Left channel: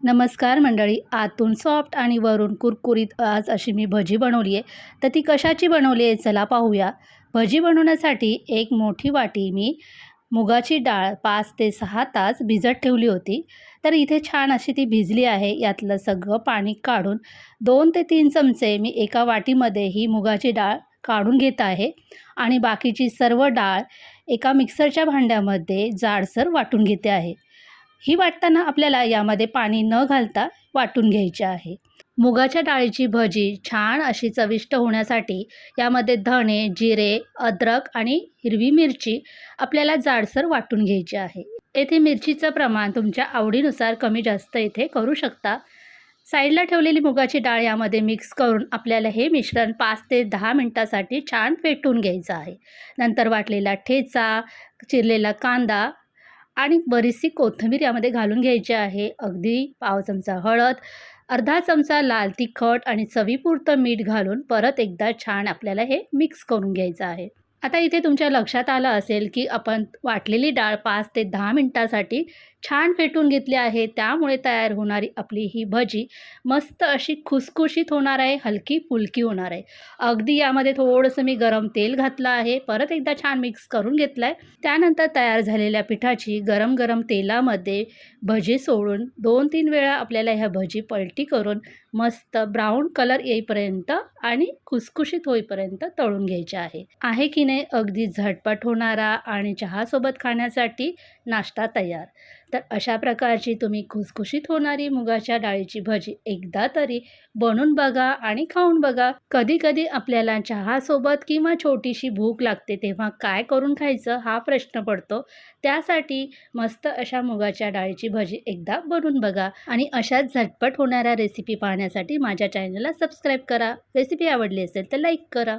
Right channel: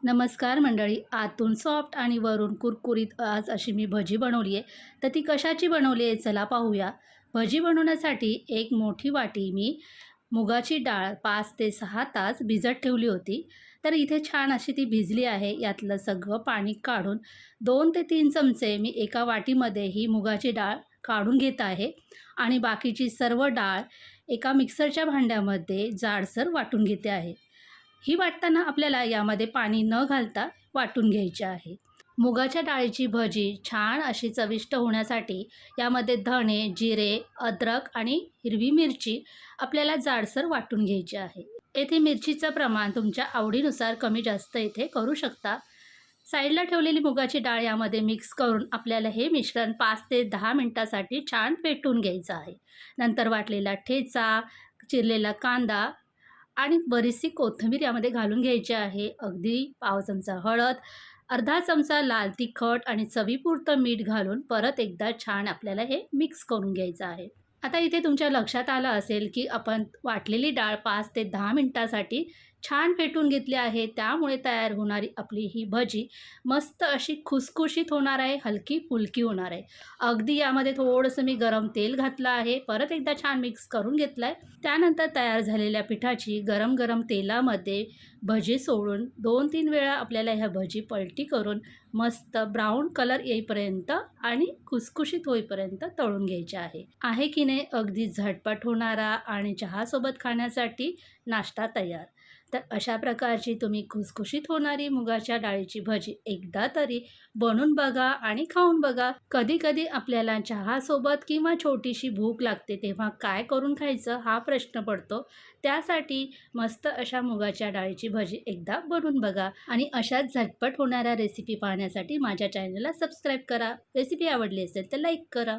नमस्कार मंडळी आतून सॉफ्ट आणि वरून कुरकुरीत आज अशी मी भजी बनवली आहे. तर ती कशाची बनवली आहे चला पाहूया. भजी बनवण्यासाठी एक मोठी वाटी मी मुगाची डाळ पाच ते सहा तास भिजत ठेवली होती. तर इथे छान अशी ती भिजली आहे. यातलं सगळं पाणी काढून दोन ते तीन चमचे मी एका वाटीमध्ये ही मुगाची डाळ काढून घेत आहे. आणि बाकीची सर्व डाळ एका मिक्सरच्या भांड्यामध्ये जाडसर वाटून घेते आहे. ही वाटताना आपल्याला यामध्ये पाणी न घालता वाटून घ्यायची आहे. मुगाच्या डाळीची भजी छान अशी चविष्ट होण्यासाठी यामध्ये धणे जिरे अद्रक आणि हिरवी मिरची आपल्याला जाडसर वाटून घ्यायची आहे. येथे मिरचीचं प्रमाण तुमच्या आवडीनुसार कमी जास्त इथे करू शकता. साईडला ठेवलेली मुगाची डाळ यामध्ये मिक्स करून आपल्याला हे मिश्रण पाच ते दहा मिनटासाठी छान पेटून घ्यायचं आहे. नंतर वाटलेला ठेचा चिरलेला कांदा आणि बरीचशी कोथिंबीर यामध्ये घालून घ्यायची आहे. अगदी पाव चमचा हळद अर्धा चमचा लाल तिखट आणि चवीपुरतं मीठ घालून परत एकदा छान आपल्याला हे मिक्स करून घ्यायचं आहे. आता इथे तुमच्या लक्षात आलं असेल की आपण वाटलेली डाळ पाच ते दहा मिनटासाठी छान फेटून घेतली आहे. त्यामुळे तयार होणारी आपली ही भजी मस्त अशी खुसखुशीत होणार आहे हलकी फुलकी होणार आहे. अगदी यामध्ये थोडंसं मी गरम तेल घातलं आहे परत एकदा छान मिक्स करून घेतलं आहे त्यानंतर तयार झालेल्या पिठाची गरम गरम तेलामध्ये भजी सोडून दोन तीन वेळा आपल्याला ह्या भजी पलटी करून मस्त ब्राऊन कलर येईपर्यंत आणि खुसखुशीत होईपर्यंत तळून घ्यायचे आहे. आहे की नाही अगदी झटपट होणारा आणि चहासोबत खाण्यासाठी नाश्ता तयार. तर अशा प्रकारची तुम्ही खुसखुशीत होणारी मुगाच्या डाळीची भजी एकदा तरी बनवून बघा आणि खाऊन बघा. कधी कधी आपल्याला चहासोबत किंवा छोटीशी भूक लागते तेव्हा काय करून खायचं हा प्रश्न पडतो. त्यासाठी मस्त अशा मुगाच्या डाळीची भजी एकदा बनवून बघा आणि अशाच झटपट होणाऱ्या रेसिपी पाहण्यासाठी माझ्या चॅनलला सबस्क्राईब करा. रेसिपी आवडली असेल तर लाईक करा.